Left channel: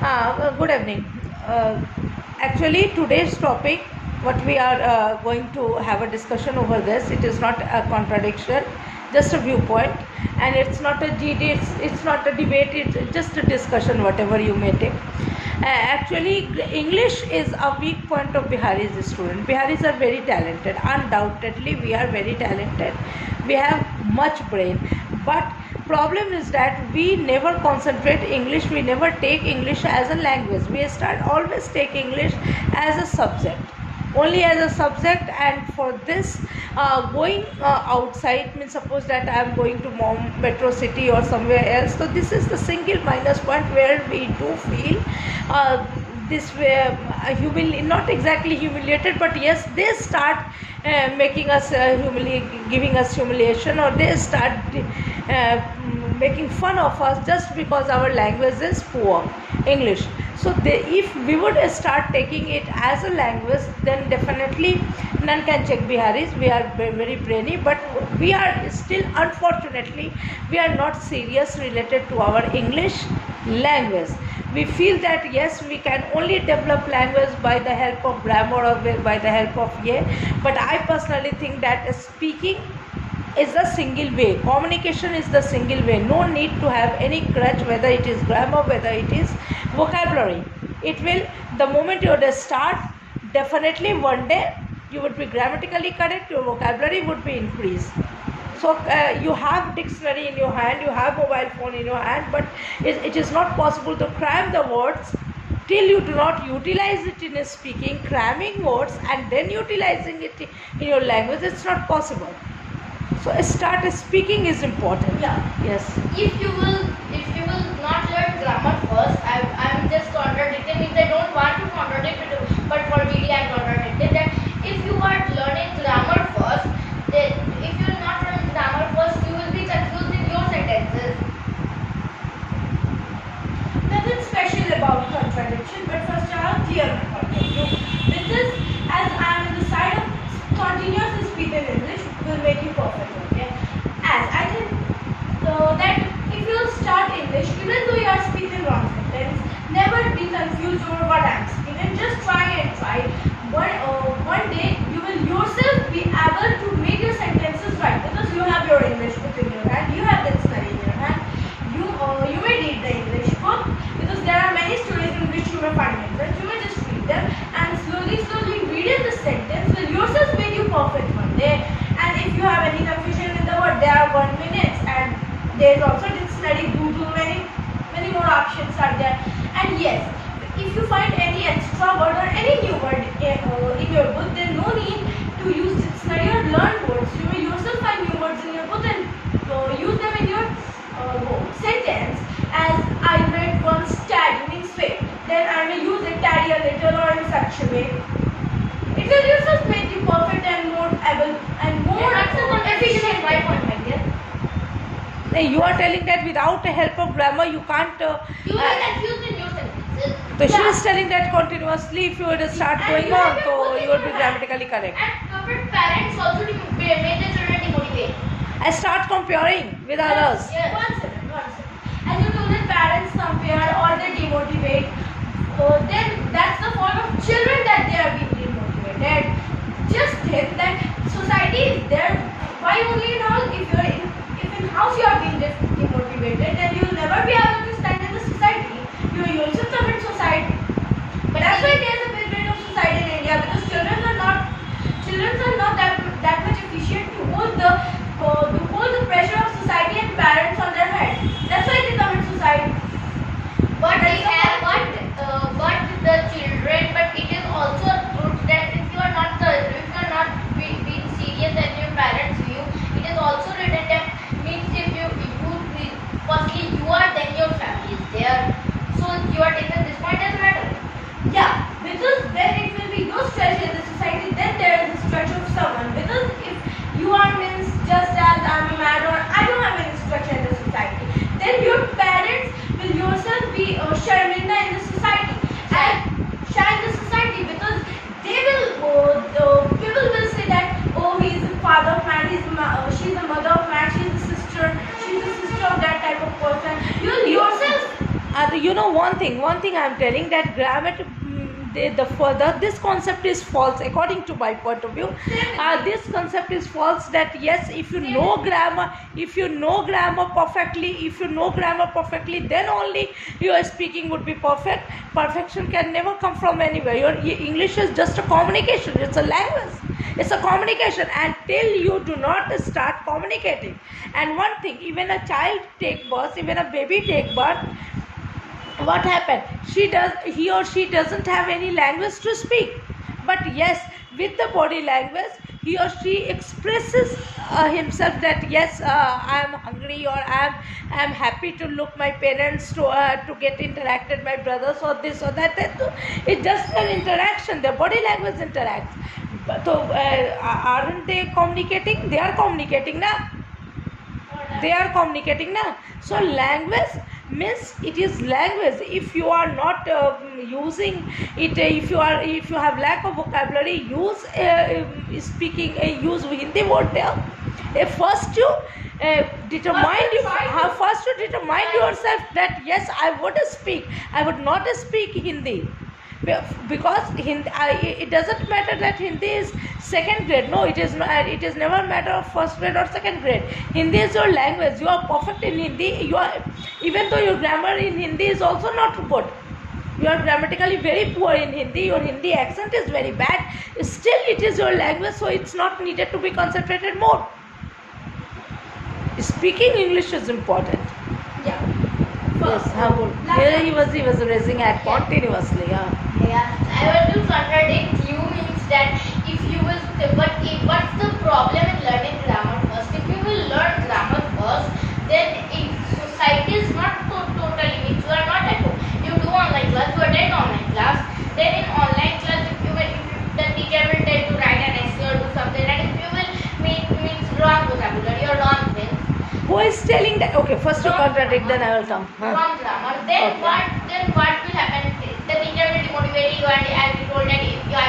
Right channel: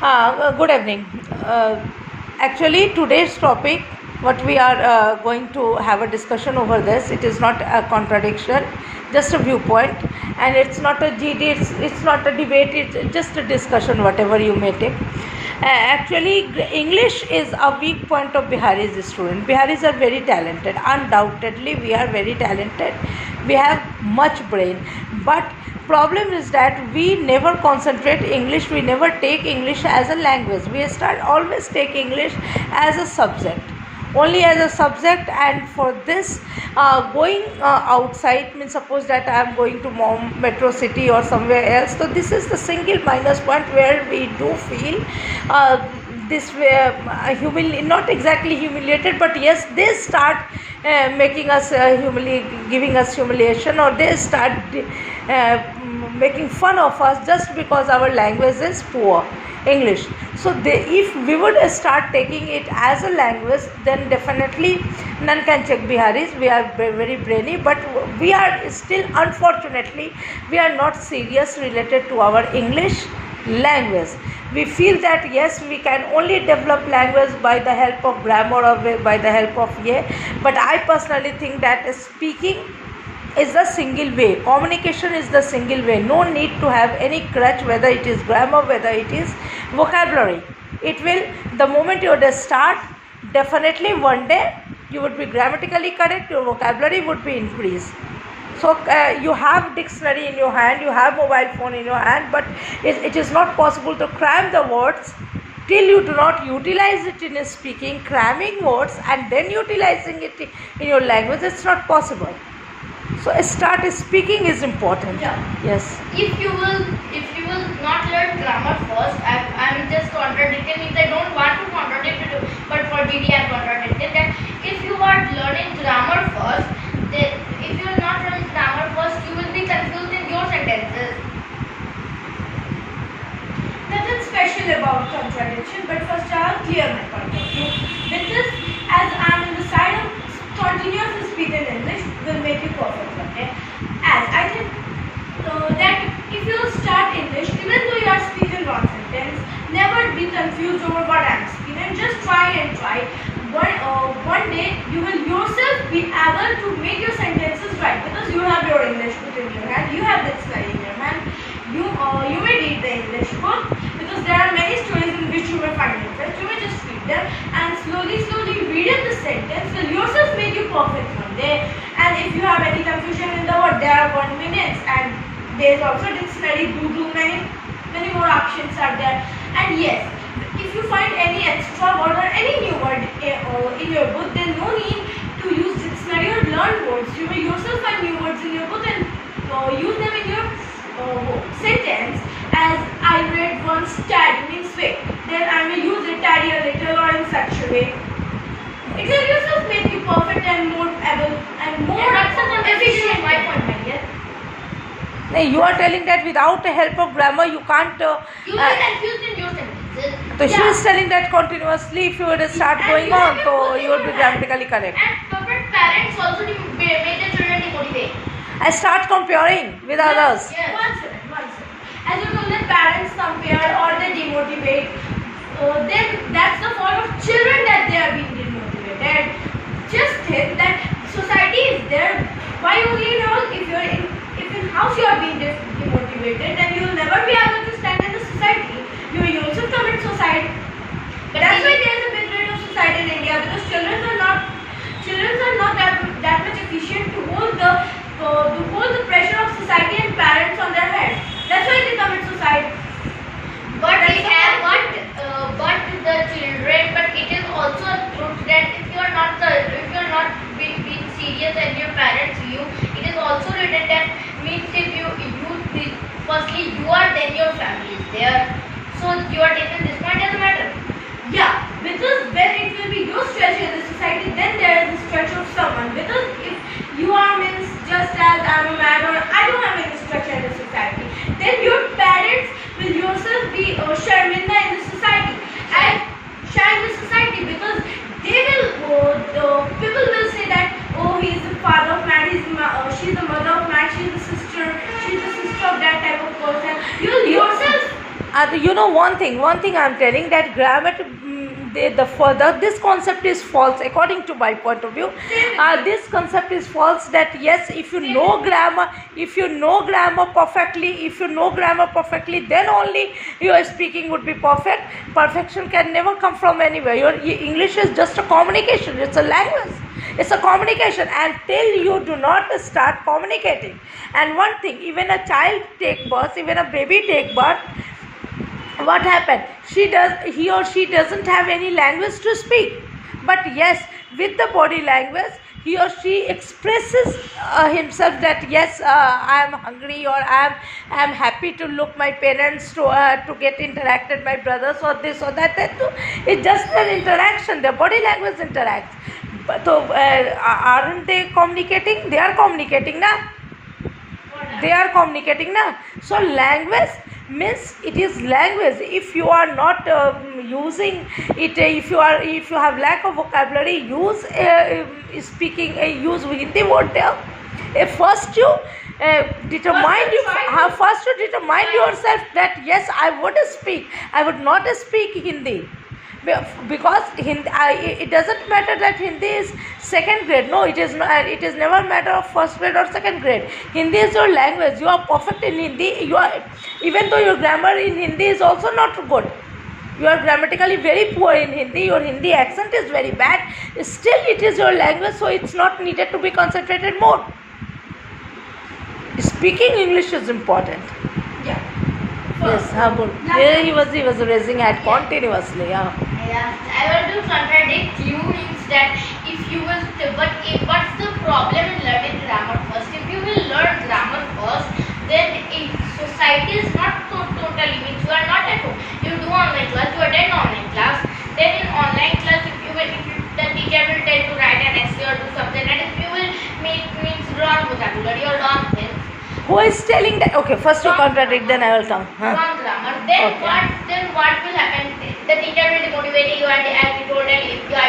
Good evening. Actually, today's topic, what we are going to have a discussion over this, it is not a contradiction, just a viewpoint, and it's not a GD, it's not a debate, it's just a discussion, whatever you may take. Actually, English is a weak point of Bihari's student. Biharis are very talented. Undoubtedly, we are very talented. We have much brain, but problem is that we never concentrate English. We never take English as a language. We start always take English as a subject, only as a subject. And for this, going outside means, suppose that I am going to metro city or somewhere else, so this is the single minus point where we do feel this way, not exactly humiliated, but yes, they start making us giving us humiliation, or they start making fun of us just because our language is poor, English. So if we would start taking it as a language, then definitely none can check Biharis. We are very brainy, but we are still, unfortunately, we are not serious related to our English language. We feel that yes, we can only develop language by the help of grammar or by the help of but I personally think that speaking is the single way, communication is the single way. No need to have any crutch, whether it is grammar, whether it is vocabulary. It will, the moment you would start, definitely one day you would be grammatically correct, your vocabulary would be increased. So you have dictionary in your hand, you have mobile phone in your hand, but it is not possible to cram the words till you do not utilize it in speaking. Cramming words and then utilizing it in your language, it's not possible. So start speaking is important. Yeah. Yes. If you will not learn grammar first, I'm just contradicting. Means I don't want to contradict it, but for GD I'm contradicting that if you are learning grammar first, then if you are not learning grammar first, you will be confused in your sentences. Nothing special about contradiction, but first I'll clear my point of view. Because as I'm in the side of continuous speech in English will make you perfect, okay? As I think that if you start English, even though you are speaking wrong sentence, never be confused over what I'm speaking. Just try and try. One day you will yourself be able to make your sentences right, because you have your English book in your hand, you have dictionary in your hand. You may read the English book, because there are many stories in which you may find interest. You may just read them and slowly reading the sentence will yourself make you perfect one day. And if you have any confusion in the word, there are 1 minute, and there is also dictionary. Many more options are there. And yes, if you find any extra word or any new word in your book, then no need to use dictionary or learn words. You may yourself find new words in your book and use them in your sentence. As I read once, tad means wait, then I may use it taddy a little or in such a way. It will yourself make you perfect and more able and more efficient. My point, my dear. You are telling that without the help of grammar you can't. You will confused in your sentences. So she is telling that continuously, if you would start going on, so you would be grammatically correct. And parents also make their children demotivate. I start comparing with others. Yes. One second. As you told that parents compare or they demotivate, then that's the fault of children that they are being demotivated. Just think that society is there. Why only in house? If in house you are being demotivated, then you will never be able to stand in the society. You will also commit suicide. But that's why there is a big rate of suicide in India, because children are not that much efficient to hold the pressure of society and parents on their head. That's why they commit suicide. But it is also a truth that if you are not being serious and your parents view, it is also written that means if you firstly you are, then your family is there. So you are taking this point as a matter. Yeah, because when it will be your stretch in the society, then there is a stretch of someone. Because if you are means just as I'm a man or I don't have any structure in the society, then your parents will yourself be sharminda in the society and shine the society, because they will people will say that, oh, he's the father of man, she's the mother of man, she's the sister of that type of person. You yourself You know one thing I'm telling, that grammar, the further this concept is false according to my point of view. This concept is false, that yes, if you know grammar, perfectly, then only your speaking would be perfect. Perfection can never come from anywhere. Your English is just a communication, it's a language, it's a communication, until you do not start communicating. And one thing, even a child take birth, even a baby take birth, what happened? He or she doesn't have any language to speak, but yes, with the body language, he or she expresses himself, that yes, I am hungry, or I am happy to look my parents, to get interacted my brothers, or this or that. It's just an interaction. The body language interacts. But so aren't they communicating? They are communicating now. So language means, it is language. If you are not using it, if you have lack of vocabulary, use speaking, use Hindi word there. First you determine yourself that yes, I would not speak Hindi, because Hindi, it doesn't matter that Hindi is second grade. No, it is not. It is never matter of first grade or second grade. Hindi is your language. You are perfect in Hindi. Even though your grammar in Hindi is also not good, you are grammatically very poor in Hindi, your Hindi accent is very bad, still it is your language, so it's not needed to be concentrated more. Speaking English is important. Yeah. Yes, good. Here he was raising hand continuously. Yeah, I want to contradict you, means that if you will, what's the problem in learning grammar first? If you will learn grammar first, then in society is not totally, means you are not at home. You do online class, you attend online class. Then in online class, if the teacher will tell you to write an essay or do something, and if you will means wrong vocabulary or wrong things. Who is telling that? Okay, first you contradict, then I will come. Wrong grammar. Then what will happen? The teacher will demotivate you, and as you told that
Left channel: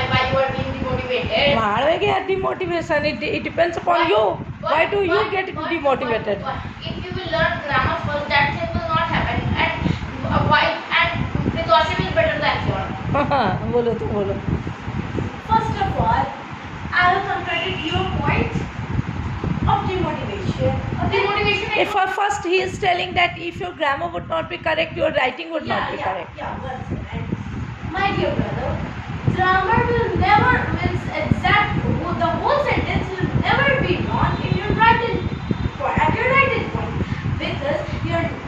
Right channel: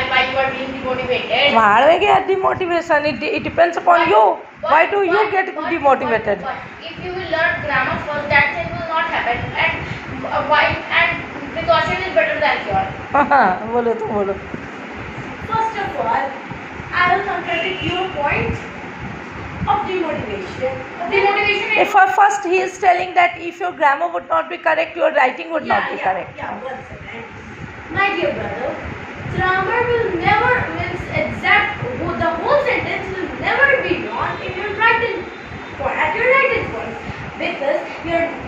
why you are being demotivated. Why do I get demotivation? It depends upon you. Why do you get demotivated? But if you will learn grammar first, that thing will not happen. And why? And precaution is better than cure. Bolo. First of all, I will contradict your point of demotivation. If first he is telling that if your grammar would not be correct, your writing would not be correct. Yeah, one second. My dear brother, grammar will never means exact. The whole sentence will never be wrong in your writing point, at your writing point, because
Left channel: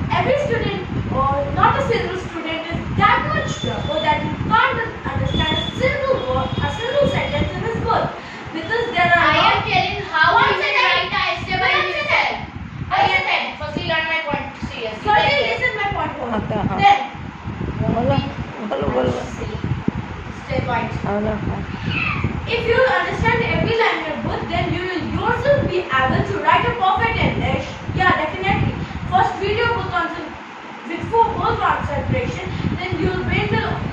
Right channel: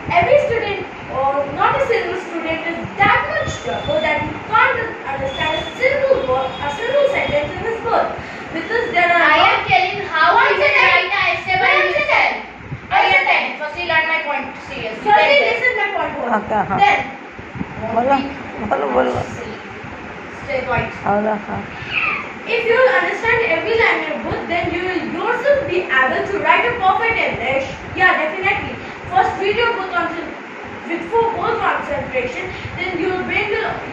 every student, or not a single student, is that much trouble that you can't understand a single word, a single sentence in this book. Because there are. I am telling how you can write an essay by yourself. I understand. Firstly, learn my point seriously. Firstly, listen my point. Okay, Then. Bolo. Stay right. If you will understand every line in your book, then you will yourself be able to write a perfect English. Yeah, definitely. First, read your book with full concentration. Then you will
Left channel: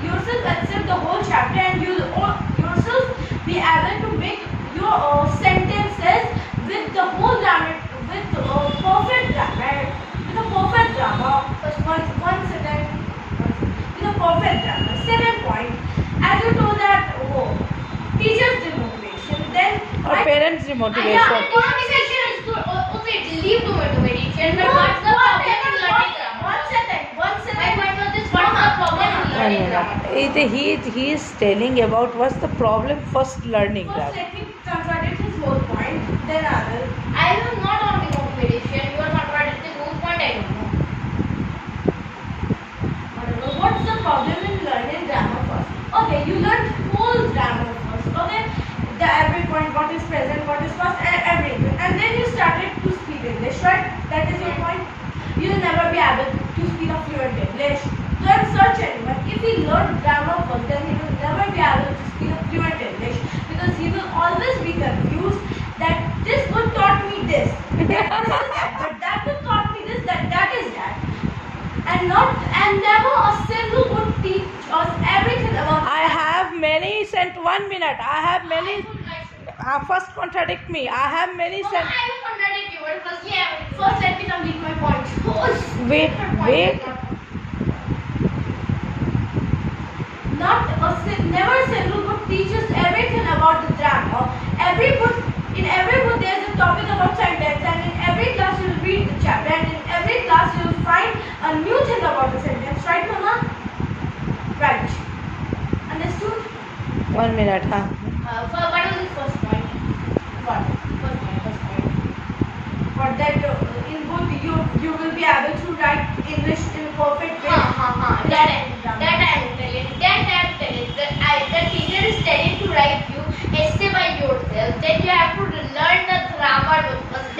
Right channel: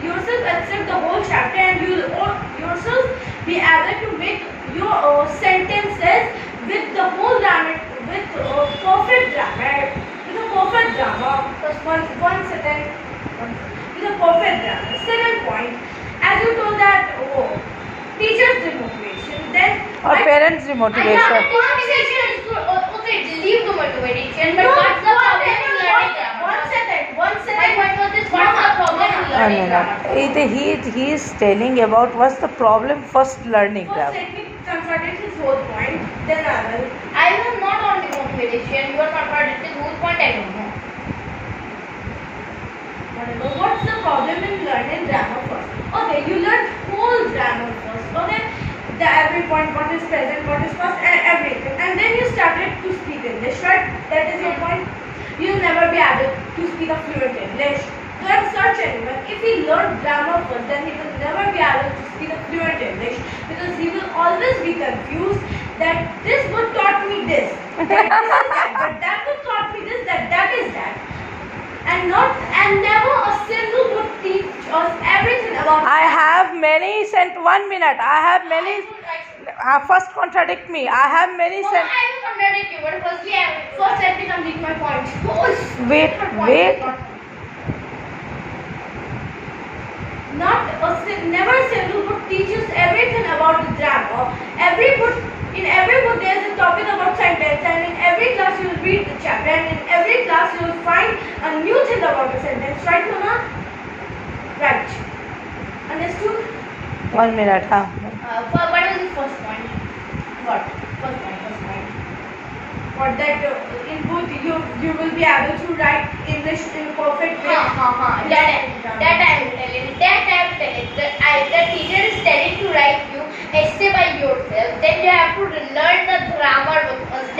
yourself accept the whole chapter, and you will yourself be able to make your sentences with the whole grammar, with perfect grammar, with a perfect grammar. First, one sentence, with a perfect grammar. Second point, as you told that teachers demotivation, then Or parents demotivation. Demotivation is good. Okay, leave the motivation. But what's the problem in learning grammar? One second. My point was this: what's the problem in learning grammar? He is telling about what's the problem first learning First, grammar. let me contradict his whole point. Then I will. I was not on the motivation. You are contradicting whose point I don't know. What's the problem in learning grammar first? Okay, you learn whole grammar first. Okay, every point, what is present, what is past, and everything. And then you started to speak English, right? That is your point. You'll never be able to speak a fluent English. Don't search anyone. If he learned grammar first, then he will never be able to speak a fluent English, because he will always be confused that this book taught me this, but this is that, but that book taught me this, that is that. And never a single book teach us everything about. I have many 1 minute. I have many. First contradict me. I have many I will contradict you, but first let me complete my point. Wait. never a single book teaches everything about the grammar. In every book there is a topic about sentence, and in every class you will read the chapter, and in every class you will find a new thing about the sentence. Right, Mama? Right. Understood? 1 minute, huh? What is the first point? What? First point. Or that in both you will be able to write English in a perfect way. That I am telling. The teacher is telling to write you essay by yourself. Then you have to learn the grammar first. I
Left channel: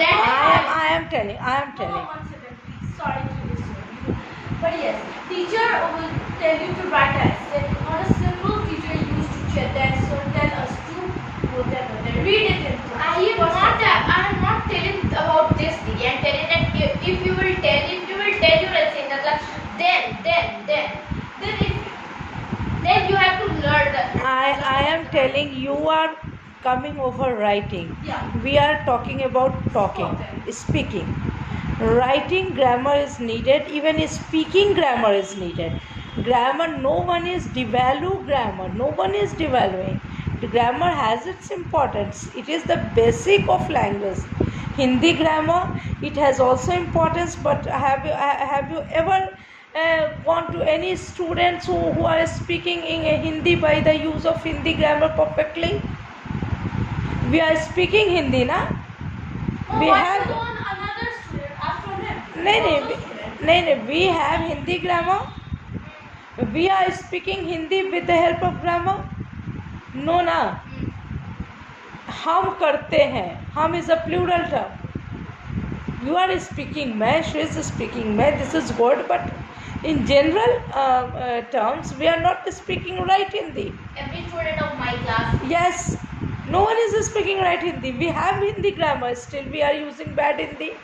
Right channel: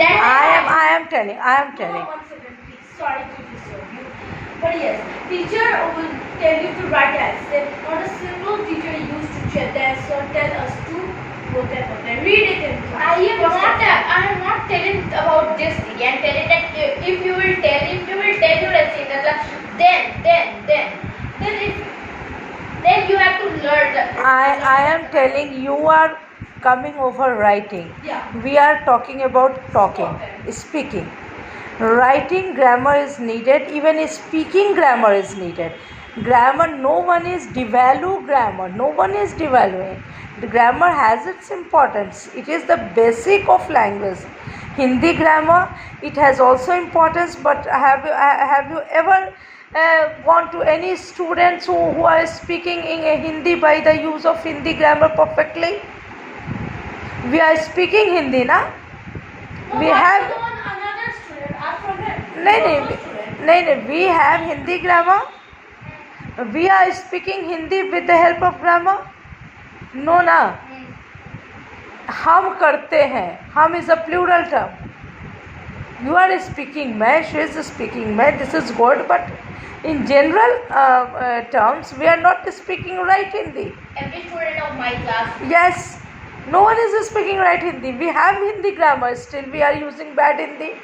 am telling. One second, please. Sorry to disturb you. But yes, teacher will tell you to write an essay. Not a single teacher used to tell us to read it in class. I am not telling about this thing. I am telling that if you will tell your essay in the class, then you have to learn the. I am telling you are coming over writing. Yeah. We are talking about talking, speaking. Writing grammar is needed, even speaking grammar is needed. Grammar, no one is devalue grammar, no one is devaluing. The grammar has its importance. It is the basic of language. Hindi grammar, it has also importance, but have you ever gone to any students who are speaking in Hindi by the use of Hindi grammar perfectly? We are speaking Hindi, na? We have another student. Ask from him. नहीं, we have Hindi grammar. We are speaking Hindi with the help of grammar. No, ना. हम करते हैं. हम is a plural term. You are speaking मैं, she is speaking मैं. This is good, but in general terms, we are not speaking right Hindi. Every student of my class. Yes, no one is speaking right Hindi. We have Hindi grammar, still we are using bad Hindi.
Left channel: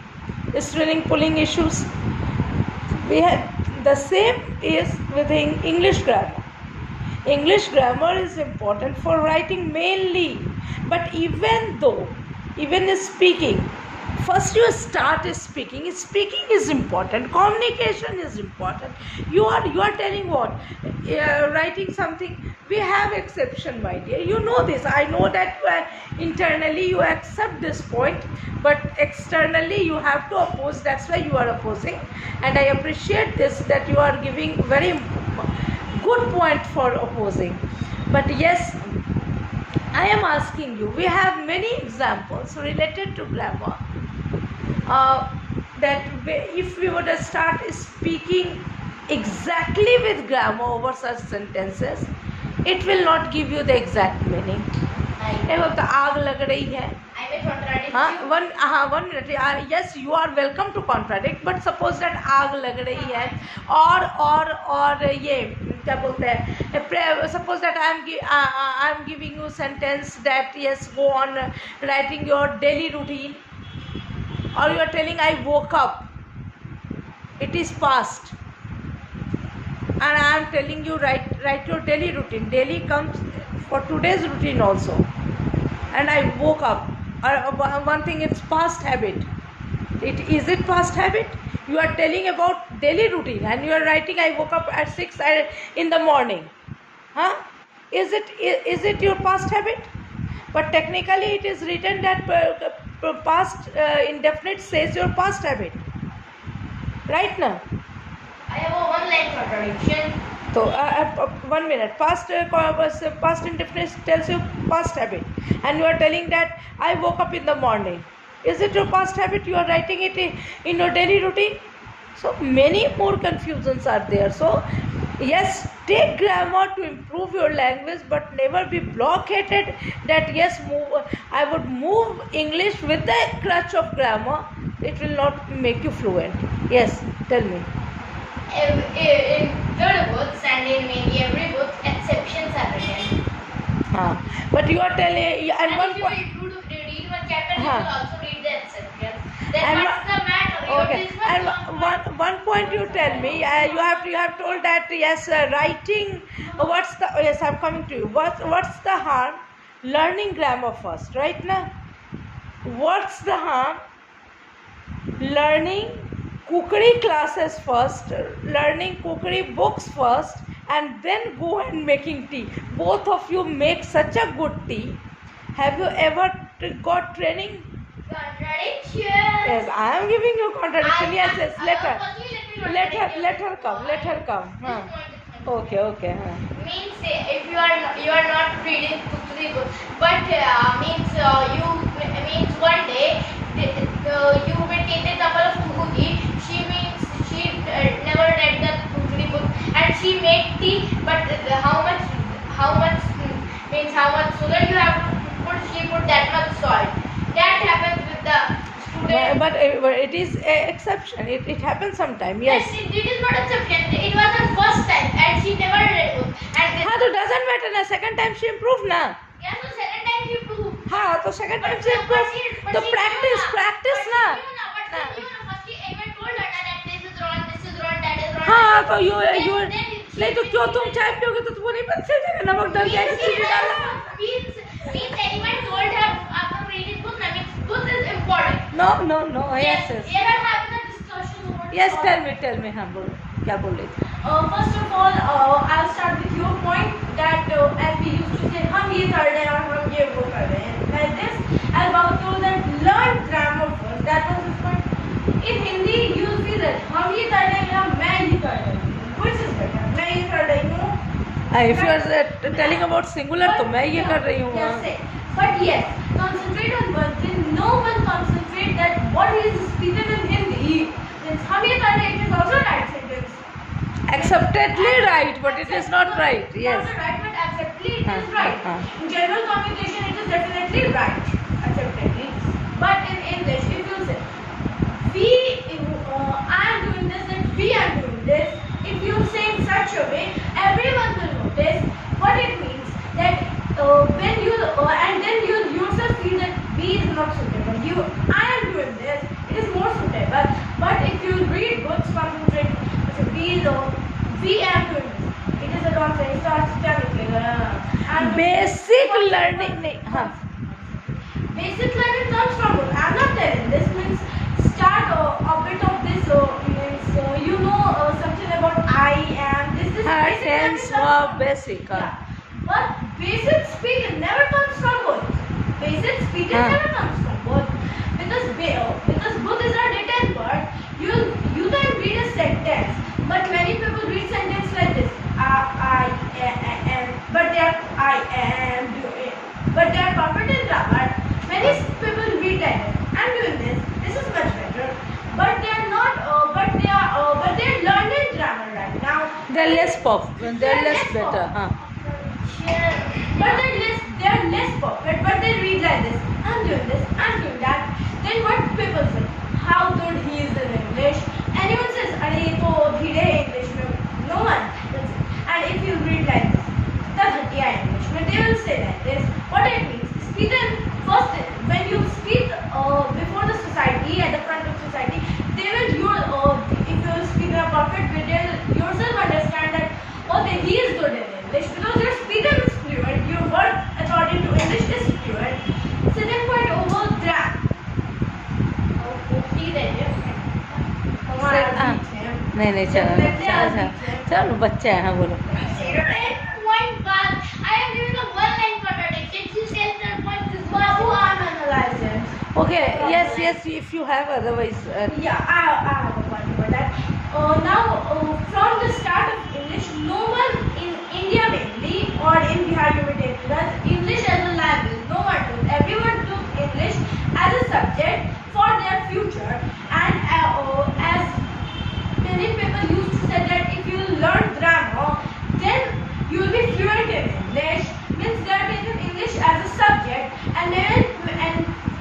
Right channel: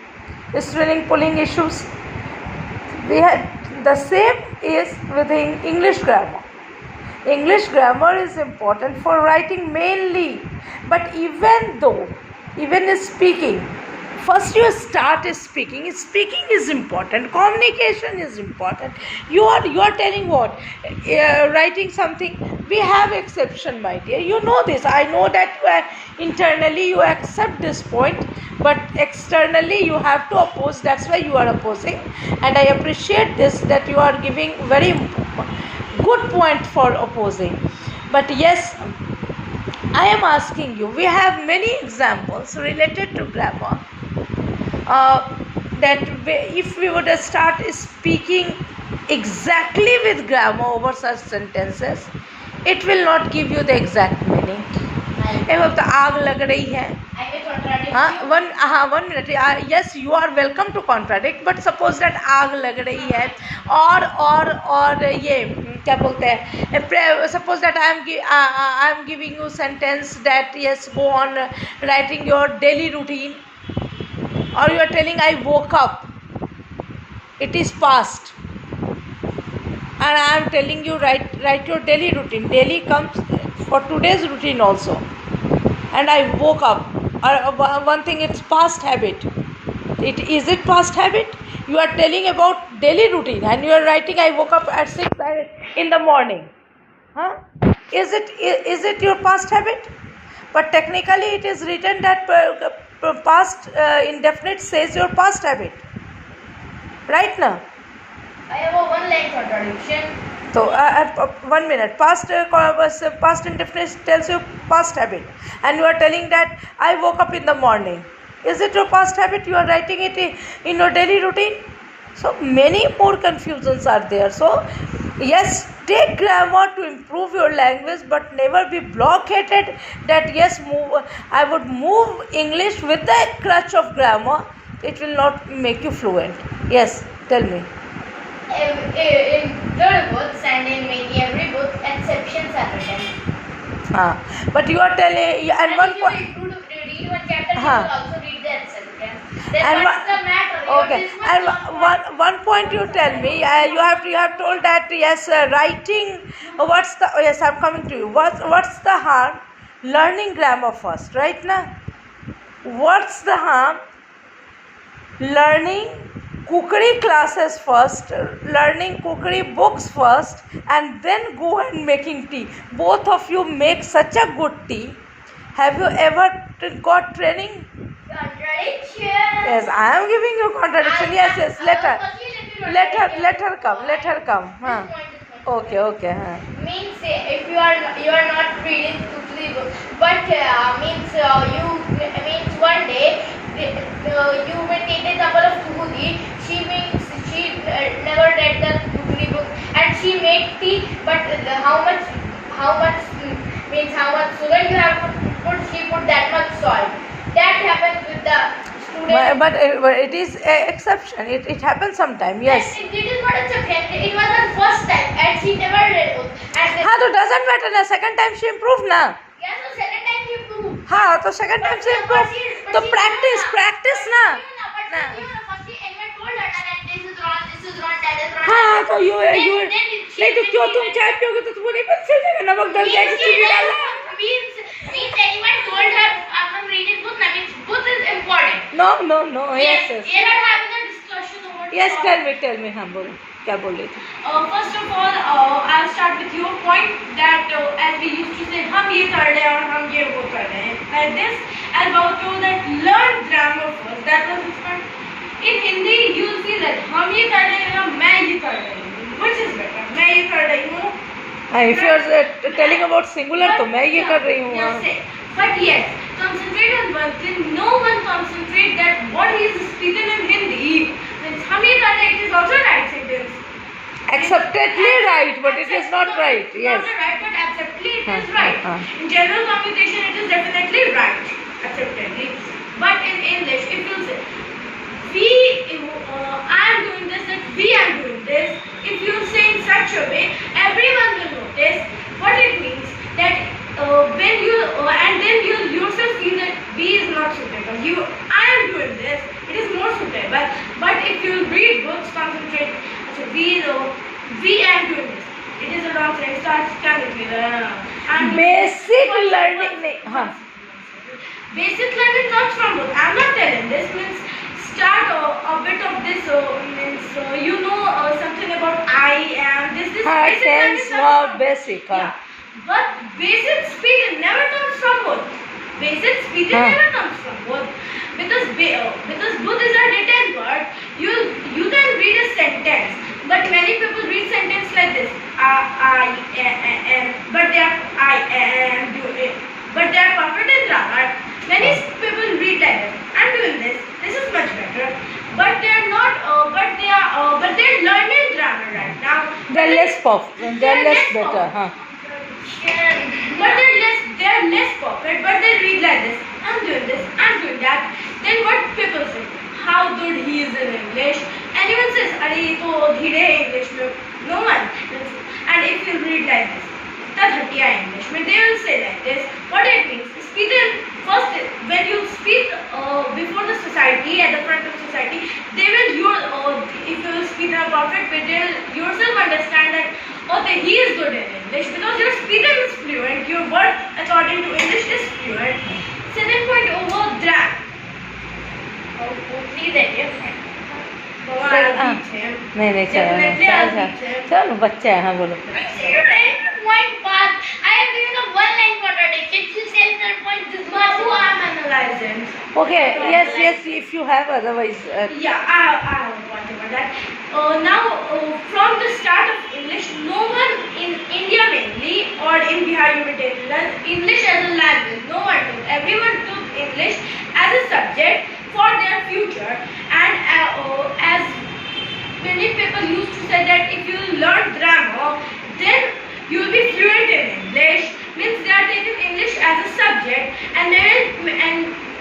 Spelling, pulling issues. We have the same is with English grammar. English grammar is important for writing mainly, but even speaking, first you start speaking. Speaking is important. Communication is important. You are telling what? Writing something. We have exception, my dear. You know this. I know that internally you accept this point, but externally you have to oppose. That's why you are opposing. And I appreciate this, that you are giving very good point for opposing. But yes, I am asking you, we have many examples related to grammar. That if we would start speaking exactly with grammar over such sentences, it will not give you the exact meaning. अब तो आग लग रही है. one minute. Yes, you are welcome to contradict, but suppose that आग लग रही है और ये क्या बोलते हैं, suppose that I am giving you sentence that yes, go on writing your daily routine, or you are telling I woke up, it is past, and I am telling you write your daily routine. Daily comes for today's routine also, and I woke up. One thing, it's past habit. Is it past habit? You are telling about daily routine and you are writing I woke up at 6 in the morning. Is it your past habit? But technically it is written that past indefinite says your past habit. Right now? I have a one line contradiction. So 1 minute. Past indefinite tells you past habit, and you are telling that I woke up in the morning. Is it your past habit? You are writing it in your daily routine. So many more confusions are there. So yes, take grammar to improve your language, but never be blockaded that yes, I would move English with the crutch of grammar. It will not make you fluent. Yes, tell me. In the books and in every book, exceptions are written. But you are telling, and one if point. you read one chapter, you will also read the exceptions. Then And what's the matter? Okay, and one point you tell me, you have told that yes, writing. Yes, I'm coming to you. What's the harm? Learning grammar first, right now. What's the harm? Learning cookery classes first, learning cookery books first, and then go and making tea. Both of you make such a good tea. Have you ever got training? Contradiction. Yes, I am giving you contradiction. Yes, yes. Let her come. Let her come. Huh. Okay, okay. Huh. Means if you are not reading cookery book, but you means one day you may take the example of Kuhudi. She never read the cookery book and she made tea, but how much sugar you have put, she put that much salt. That happens with the student. But it is an exception. It happens sometime. Yes. It is not a second. It was her first time and she never read book. And हाँ तो doesn't matter ना. Second time she improved ना. yeah, so second time you prove. हाँ तो second time she improved. तो practice ना. ना. हाँ तो you नहीं तो क्यों तुम चाय पियोगे तो तुम्हें नहीं पता चल जाएगा नमक डल जाएगा चीनी डालना. Means anyone told her after reading book that book is important. No. Yes. We are having a discussion over. Yes, tell me. हाँ बोलो क्या बोल रही थी. First of all, I'll start with your point that as we used to say, हम ये कर रहे हैं और हम ये वो कर रहे हैं. Like this, as Babu told that learn grammar first. That was his point. In Hindi, you will see that हम ये कर रहे हैं या मैं ये कर रही हूँ. Which is better? मैं ये कर रही हूँ. If you are telling about singular तो मैं ये कर रही हूँ. Yes, say. But yes, concentrate on one thing. No one concentrate that what he is speaking in Hindi means हम ये कर रहे हैं. It is also right sentence. Acceptedly right, but it is not right. Yes. Not right, but acceptedly it is हाँ, right. हाँ. In general communication, it is definitely right, acceptedly. But in English, if you say I am doing this and we are doing this, if you say in such a way, everyone will notice what it means. That when you and then you yourself feel that we is not suitable. I am doing this, it is more suitable. But if you read books, concentrate. So we are doing this. It is a wrong thing. Start with Basic learning नहीं. हाँ. Basic learning comes from book. I am not telling this means start a bit of this means something about I am this हाँ basic tense learning more comes from- basic. हाँ. Yeah. But basic speed never comes from both. Basic speed हाँ. never comes from both because both is a written word. You can read a sentence, but many people read sentence like this. I am, but they are I am doing, but they are perfect in grammar. Many people read like this. I'm doing this. This is much better. But they are not. But they are learning grammar right now. They're less They're less better. हाँ. But they are less perfect. But they read like this. I'm doing this. I'm doing that. Then what people say? How good he is in English. Anyone says, "Arey to dhire English mein." No one. And if you read like this, the ghatiya English mein, they will say like this. What it means? Speak first when you speak before the society at the front of society, they will if you will speak in a perfect way, they will yourself understand that okay, he is good in English because your speaking is fluent. Your word according to English is fluent. Second point over that. Please idea. नहीं चलो बच्चे हैं. हाँ बोलो. Point pass. I am giving a one line contradiction. She says that point is Babu, I am analyzing. Okay. Yes. If you have otherwise. Yeah, I have a point about that. Now, from the start of English, no one in India mainly or in Bihar you may take that English as a language. No one took. Everyone took English as a subject for their future. And as many people used to say that if you learn grammar, then you will be fluent in English. Means they are taking English as a subject, and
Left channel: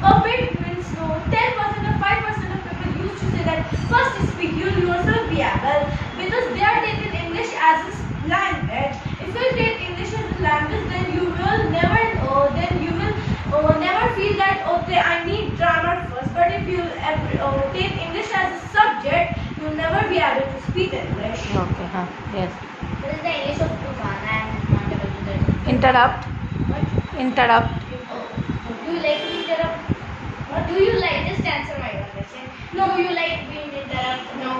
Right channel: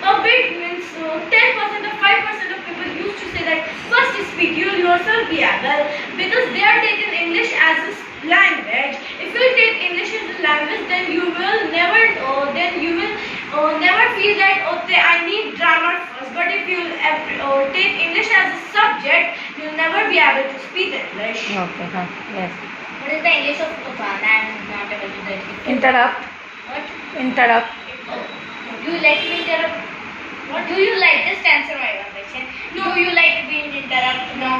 a bit means 10% or 5% of people used to say that first speak, you will yourself be able, because they are taking English as a language. If you take English as a language, then you will never feel that okay, I need grammar first. But if you take English as a subject, you will never be able to speak English. Okay. हाँ. Yes. What is the English of Tufan? I am not able to tell. Interrupt. What? Interrupt. Oh, do you like to interrupt? What do you like? Just answer my one question. No, you like being interrupted. No.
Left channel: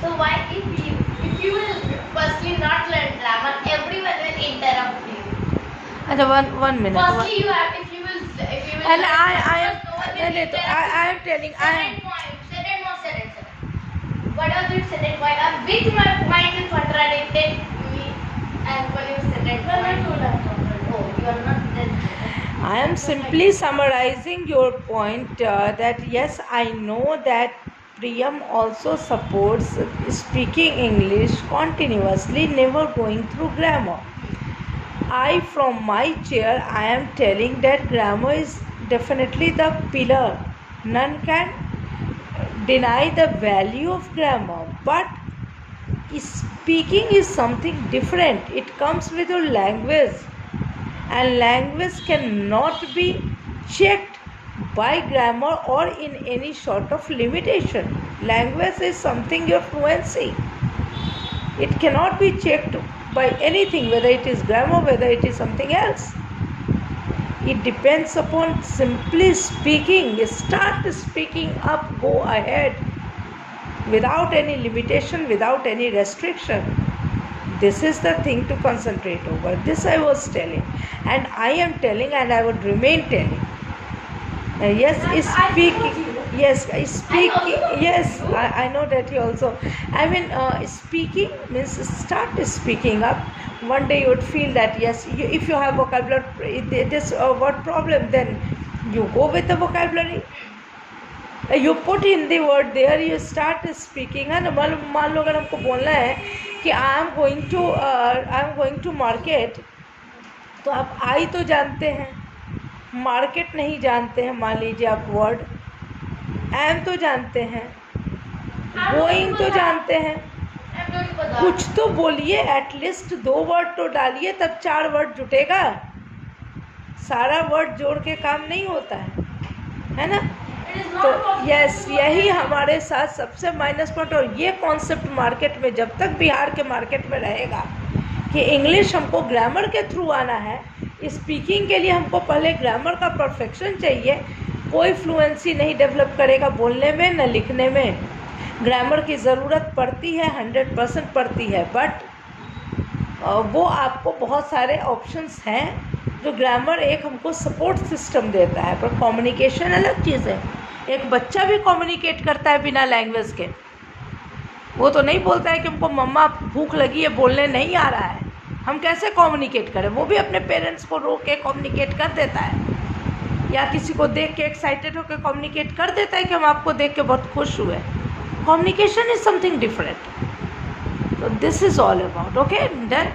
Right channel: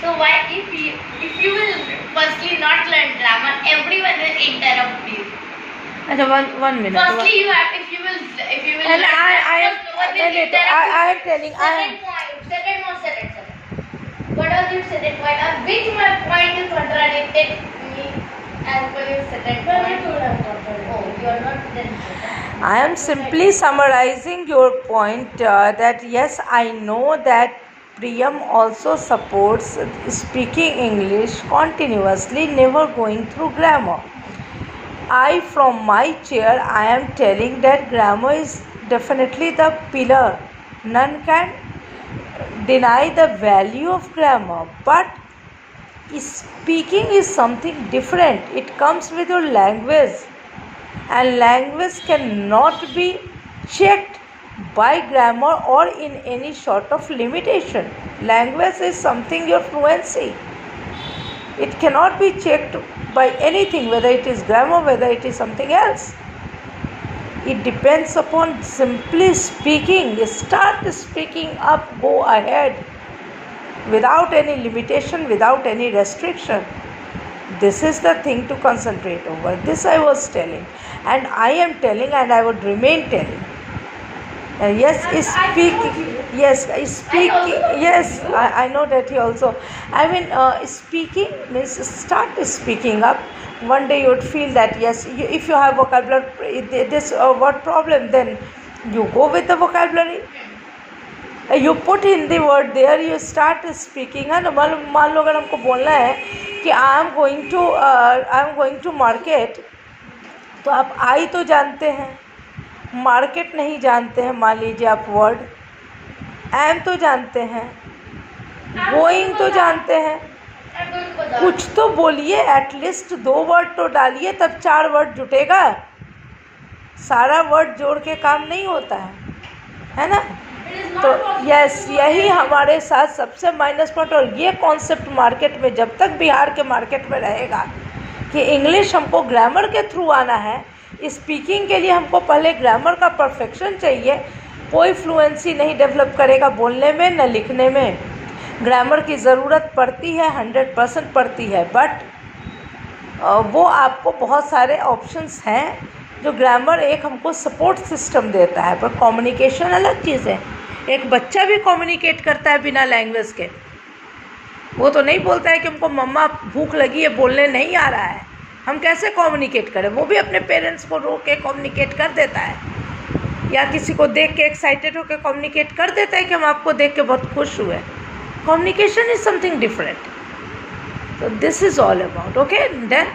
So why, if you will firstly not learn grammar, everyone will interrupt you. And one minute. Firstly, you have, if you will And learn I am grammar, no one will wait, interrupt I you. am telling Second. What are you second point? Which my point you contradicted me as per your second Well, I point? told I'm contradicting. Oh, you are not then. I am simply summarizing your point that yes, I know that Priyam also supports speaking English continuously, never going through grammar. I, from my chair, I am telling that grammar is definitely the pillar. None can deny the value of grammar, but speaking is something different. It comes with your language, and language cannot be checked by grammar or in any sort of limitation. Language is something your fluency. It cannot be checked by anything, whether it is grammar, whether it is something else. It depends upon simply speaking. Start speaking up, go ahead, without any limitation, without any restriction. This is the thing to concentrate over. This I was telling, and I am telling, and I would remain telling. Yes, speaking. Yes, speaking. Yes, I know that he also. I mean, speaking means start speaking up. One day you would feel that yes, if you have vocabulary, this what problem? Then you go with the vocabulary. You put in the word there. You start speaking. है ना? मान लो अगर हमको बोलना है कि I am going to market, तो आप आई तो जानते हैं, मार्केट नहीं जानते हैं. मान लीजिए आप वर्ड एम तो जानते हैं, गोइंग तो जानते हैं. कुछ तो बोलिए, एटलीस्ट 2 वर्ड तो डालिए, तब 4 वर्ड जुटेगा. सारा वर्ड जोड़ के काम नहीं होता है ना? तो यस, यही हमारे साथ सबसे माइनस पॉइंट. और ये कॉन्सेप्ट मार्केट में जब तक बिहार के मार्केट में रहेगा कि इंग्लिश हमको ग्रामर के थ्रू आना है, स्पीकिंग के लिए हमको पहले ग्रामर का परफेक्शन चाहिए, कोई फ्लुएंसी नहीं डेवलप करेगा बोलने में न लिखने में. ग्रामर की ज़रूरत पड़ती है, 100% पड़ती है, बट वो आपको बहुत सारे ऑप्शंस हैं जो ग्रामर एक हमको सपोर्ट सिस्टम देता है. पर कम्युनिकेशन अलग चीज़ है. एक बच्चा भी कम्युनिकेट करता है बिना लैंग्वेज के. वो तो नहीं बोलता है कि हमको मम्मा भूख लगी है, बोलने नहीं आ रहा है. हम कैसे कम्युनिकेट करें? वो भी अपने पेरेंट्स को रोक के कम्युनिकेट कर देता है, या किसी को देख के एक्साइटेड होकर कम्युनिकेट कर देता है कि हम आपको देख के बहुत खुश हुए. Communication is something different. So this is all about. Okay, then.